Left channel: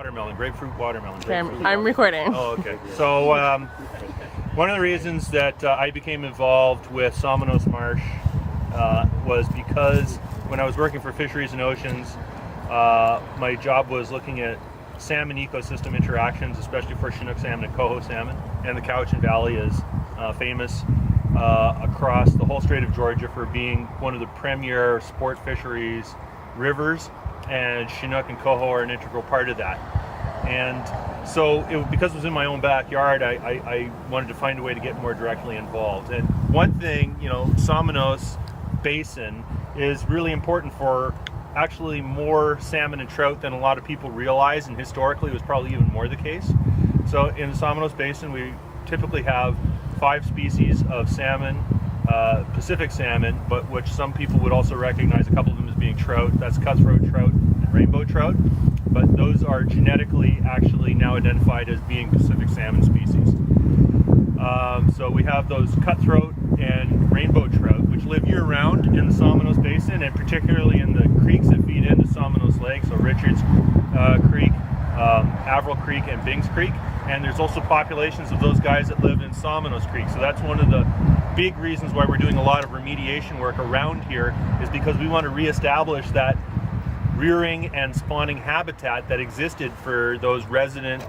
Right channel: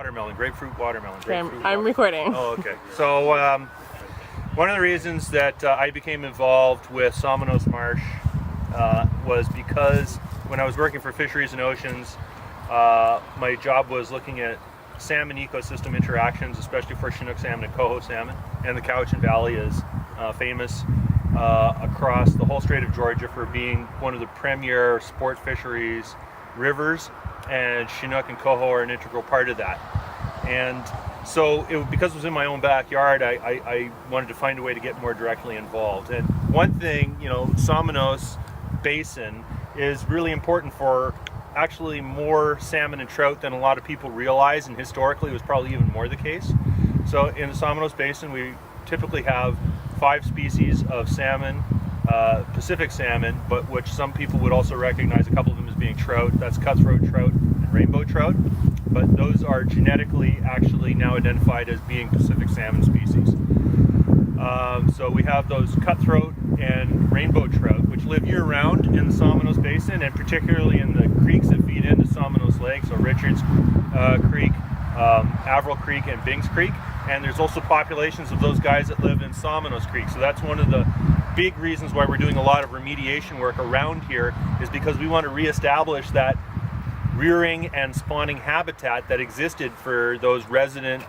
Watermelon, grapefruit watermelon. Okay, I'm recording. Oh, okay. So one of the reasons that I became involved with Somenos Marsh was because when I was working for Fisheries and Oceans, my job was looking at salmon ecosystem interactions, especially for Chinook salmon and coho salmon. And the Cowichan Valley is famous across the whole Strait of Georgia for being one of the premier sport fisheries rivers, and Chinook and coho are an integral part of that. And so because it was in my own backyard, I wanted to find a way to get more directly involved. And one thing, Somenos Basin is really important for actually more salmon and trout than a lot of people realize, and historically it was probably even more the case. So in the Somenos Basin, we typically have 5 species of salmon, Pacific salmon, but which some people would also recognize a couple of them as being trout. That's cutthroat trout and rainbow trout. But those are genetically actually now identified as being Pacific salmon species. So we have those cutthroat and rainbow trout, which live year-round in the Somenos Basin, and particularly in the creeks that feed into Somenos Lake, so Richards Creek, Averill Creek, and Bings Creek. And there's also populations of those guys that live in Somenos Creek. So that's one of the big reasons why we're doing a lot of remediation work around here, is because we want to reestablish that rearing and spawning habitat that existed for those resident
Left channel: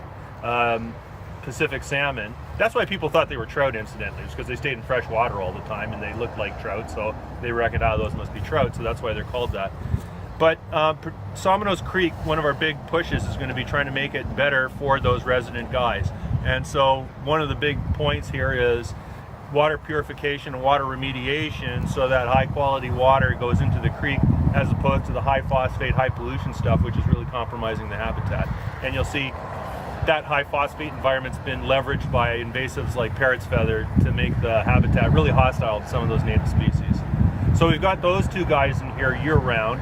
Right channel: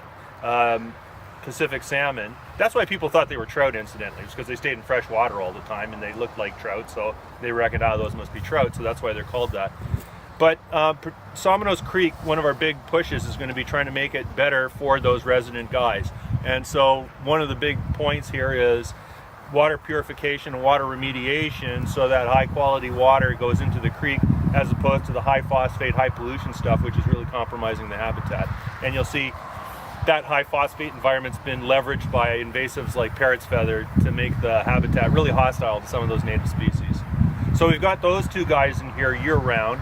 Pacific salmon. That's why people thought they were trout, incidentally. It's because they stayed in fresh water all the time and they looked like trout, so they reckoned, those must be trout, so that's why they're called that. But Somenos Creek, one of our big pushes is going to be trying to make it better for those resident guys. And so one of the big points here is water purification and water remediation, so that high quality water goes into the creek as opposed to the high phosphate, high pollution stuff, which is really compromising the habitat. And you'll see that high phosphate environment's been leveraged by invasives like parrot's feather to make the habitat really hostile to some of those native species. So we've got those 2 guys in here year round,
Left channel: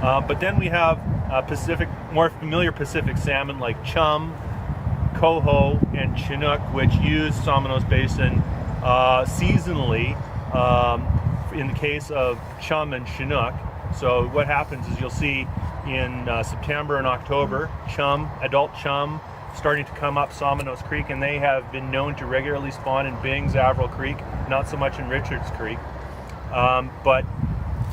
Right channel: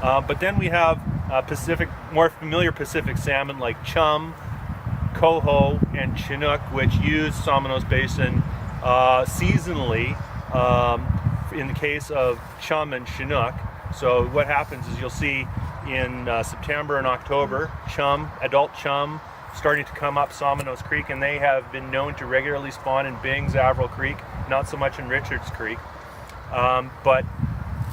but then we have more familiar Pacific salmon like chum, coho, and chinook, which use Somenos Basin seasonally in the case of chum and chinook. So what happens is you'll see in September and October, adult chum, starting to come up Somenos Creek, and they have been known to regularly spawn in Bings, Averill Creek, not so much in Richards Creek. But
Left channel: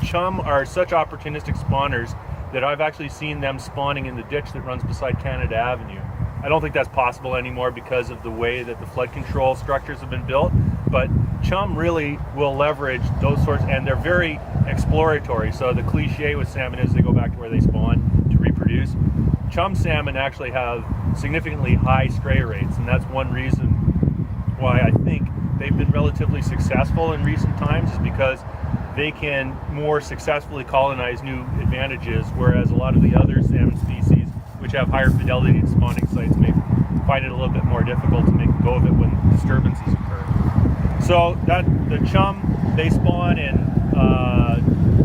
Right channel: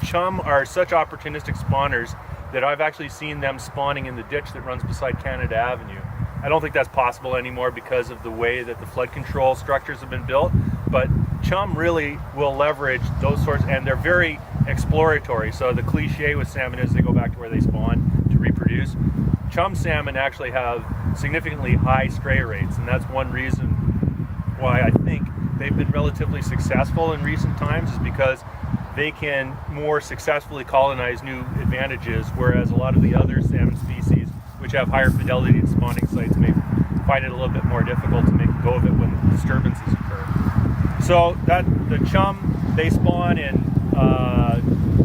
chum are such opportunistic spawners that I've actually seen them spawning in the ditch that runs beside Canada Avenue. I don't think that's possible anymore because of the way that the flood control structures have been built, but chum really will leverage those sorts, and they're very exploratory. So the cliche with salmon is they go back to where they spawn to reproduce. Chum salmon actually have significantly high stray rates, and that's one reason why I think they've been relatively successful in recent times, is because they can more successfully colonize new advantages, whereas a lot of the other salmon species, which have higher fidelity to spawning sites, may find it a little bit more difficult to make a go of it when disturbances occur. So the chum, they spawn in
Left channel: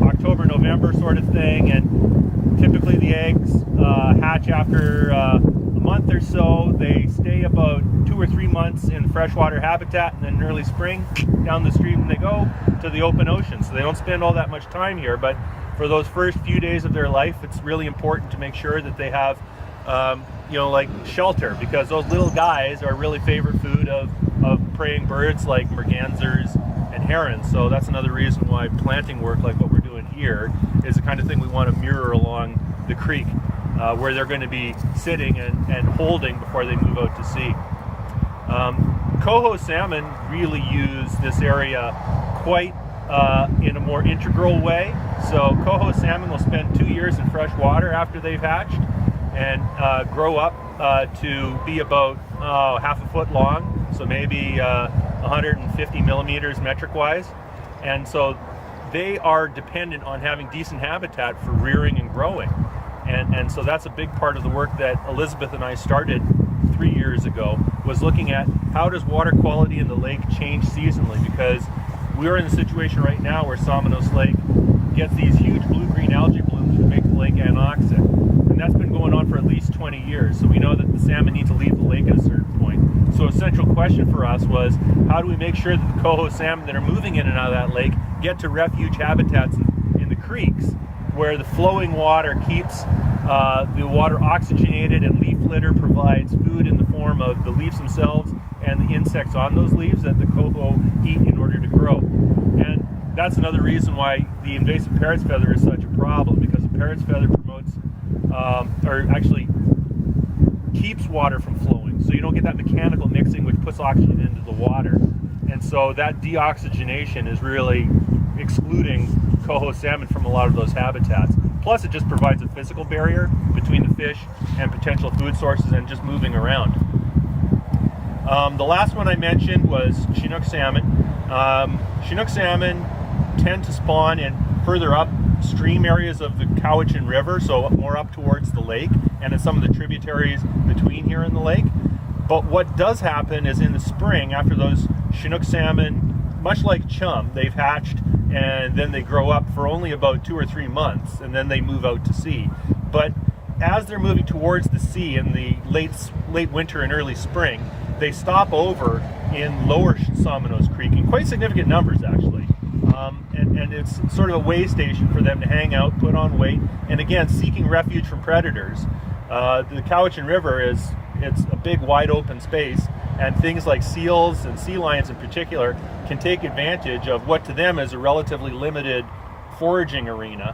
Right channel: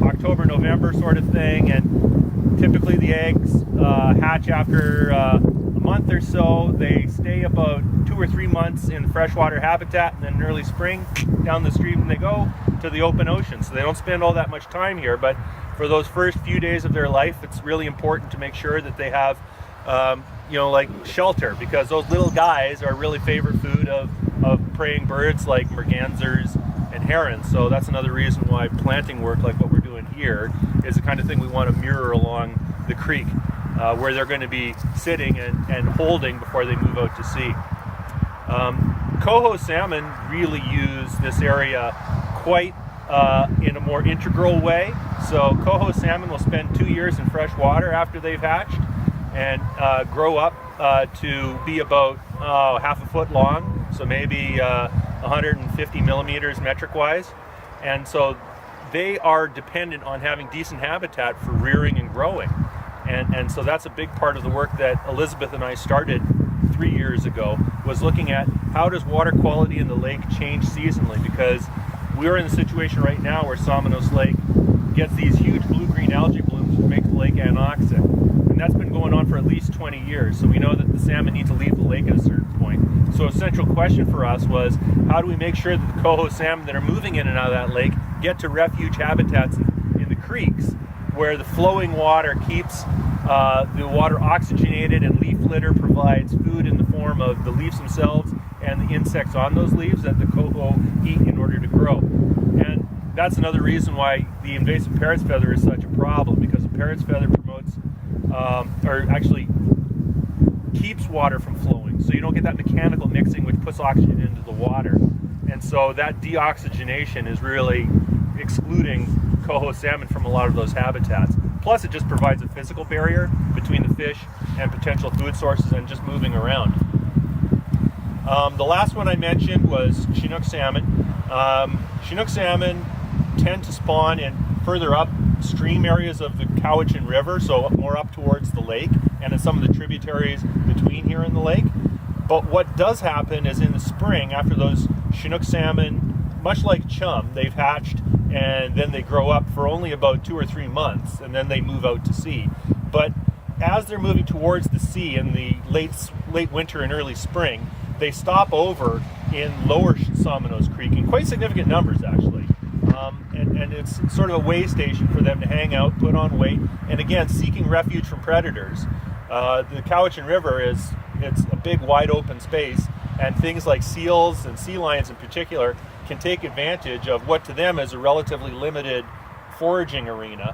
October, November sort of thing, and typically the eggs hatch after a month or so. They stay about 2 or 3 months in freshwater habitat, and then in early spring, down the stream they go to the open ocean. So they don't spend all that much time here, but for those first few days of their life, it's really important to make sure that they have, like shelter, because those little guys are really favorite food of preying birds like mergansers and herons. So that's another reason why planting work like what we're doing here is the kind of thing we want to mirror along the creek, where they're going to be sitting and holding before they move out to sea. Coho salmon really use this area quite in a more integral way. So coho salmon will spend 2 years in fresh water after they've hatched and grow up to be about half a foot long, so maybe 150 millimeters metric wise. And so they are dependent on having decent habitat for rearing and growing. And so that's a big part of the work that Elizabeth and I started 3 years ago, was looking at how does water quality in the lake change seasonally, because we're in a situation right now where Somenos Lake gets these huge blue-green algae blooms which make the lake anoxic. And that's been going on for at least 20 years. So we know that the salmon need to leave the lake at a certain point. So a central question for us was, how do we make sure that the coho salmon that are moving in and out of that lake get to refuge habitats in the creeks, where the flowing water keeps The water oxygenated, and leaf litter provides food in the form of the leaves themselves and the insects on those leaves that the coho eat in order to grow. And that's another reason why the invasive parrot's feather is such a problem, because the parrot's feather promotes, or actually keeps water from flowing. So you don't get that mechanical mixing which puts oxygen into the water. And so that deoxygenation is really excluding coho salmon from a lot of those habitats. Plus it just provides a physical barrier between the fish and potential food sources and just moving around. The last one I mentioned was Chinook salmon. Chinook salmon tend to spawn in further upstream areas of the Cowichan River, so more up towards the lake and in some of the tributaries between here and the lake. But what does happen is in the spring, after those Chinook salmon, much like chum, they've hatched and then they grow up for only about 2 or 3 months and then they move out to sea. But as they're moving towards the sea in the late winter and early spring, they stop over in lower Somenos Creek in quite significant numbers, actually. And it's sort of a way station for them to hang out, put on weight, and again, seeking refuge from predators. The Cowichan River it's a big wide open space, and things like seals and sea lions in particular can take advantage of what to them is a relatively limited foraging arena,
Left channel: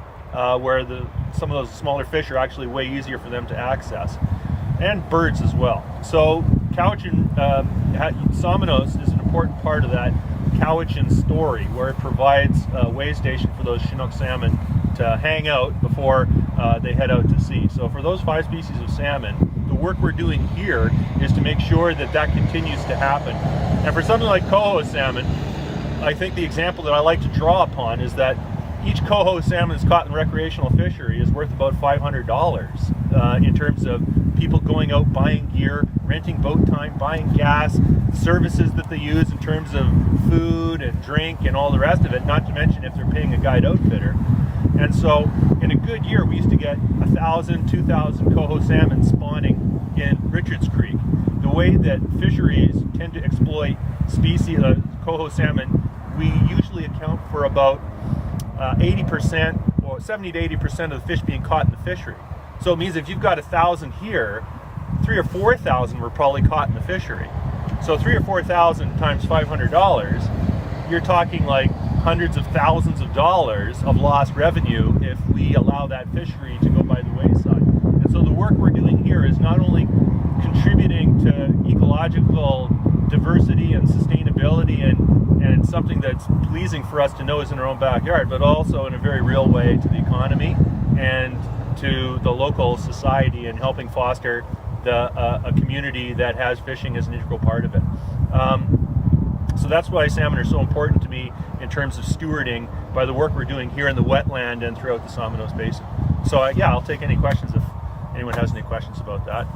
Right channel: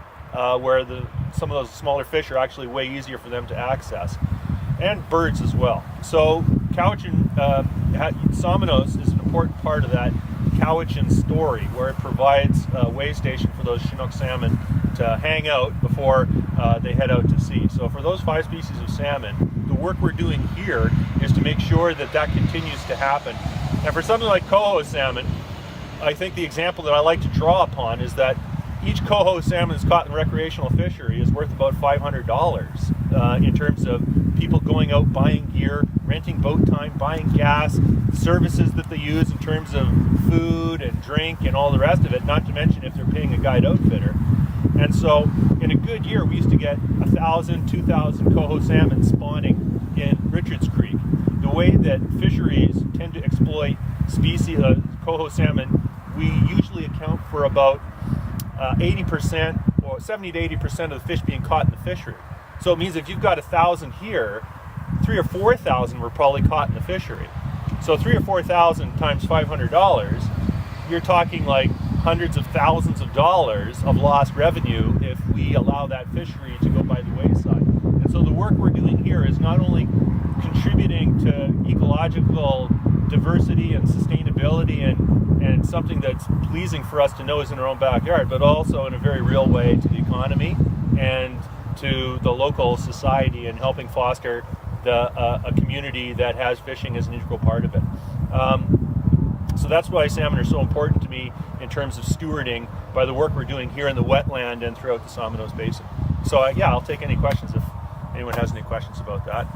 where some of those smaller fish are actually way easier for them to access, and birds as well. So Cowichan Somenos is an important part of that Cowichan story, where it provides a way station for those Chinook salmon to hang out before they head out to sea. So for those 5 species of salmon, the work we're doing here is to make sure that that continues to happen. And for something like coho salmon, I think the example that I like to draw upon is that each coho salmon that's caught in recreational fishery is worth about $500 in terms of people going out, buying gear, renting boat time, buying gas, services that they use in terms of food and drink and all the rest of it, not to mention if they're paying a guide outfitter. And so in a good year, we used to get 1,000, 2,000 coho salmon spawning in Richards Creek. The way that fisheries tend to exploit species coho salmon, we usually account for about 80% or 70 to 80% of the fish being caught in the fishery. So it means if you've got 1,000 here, 3,000 or 4,000 were probably caught in the fishery. So 3,000 or 4,000 times $500, you're talking like hundreds of thousands of dollars of lost revenue if we allow that fishery to go by the wayside. And so the work we're doing here is not only contributing to ecological diversity and sustainability and something that's pleasing for us to know is in our own backyard, but also in a very real way to the economy and to the local society and helping foster a community that has fishing as an integral part of it. So that's why salmon are so important to me in terms of stewarding by the work we're doing here in the wetland and throughout the Somenos Basin. So yeah, I'll take any questions if anyone has any questions about that.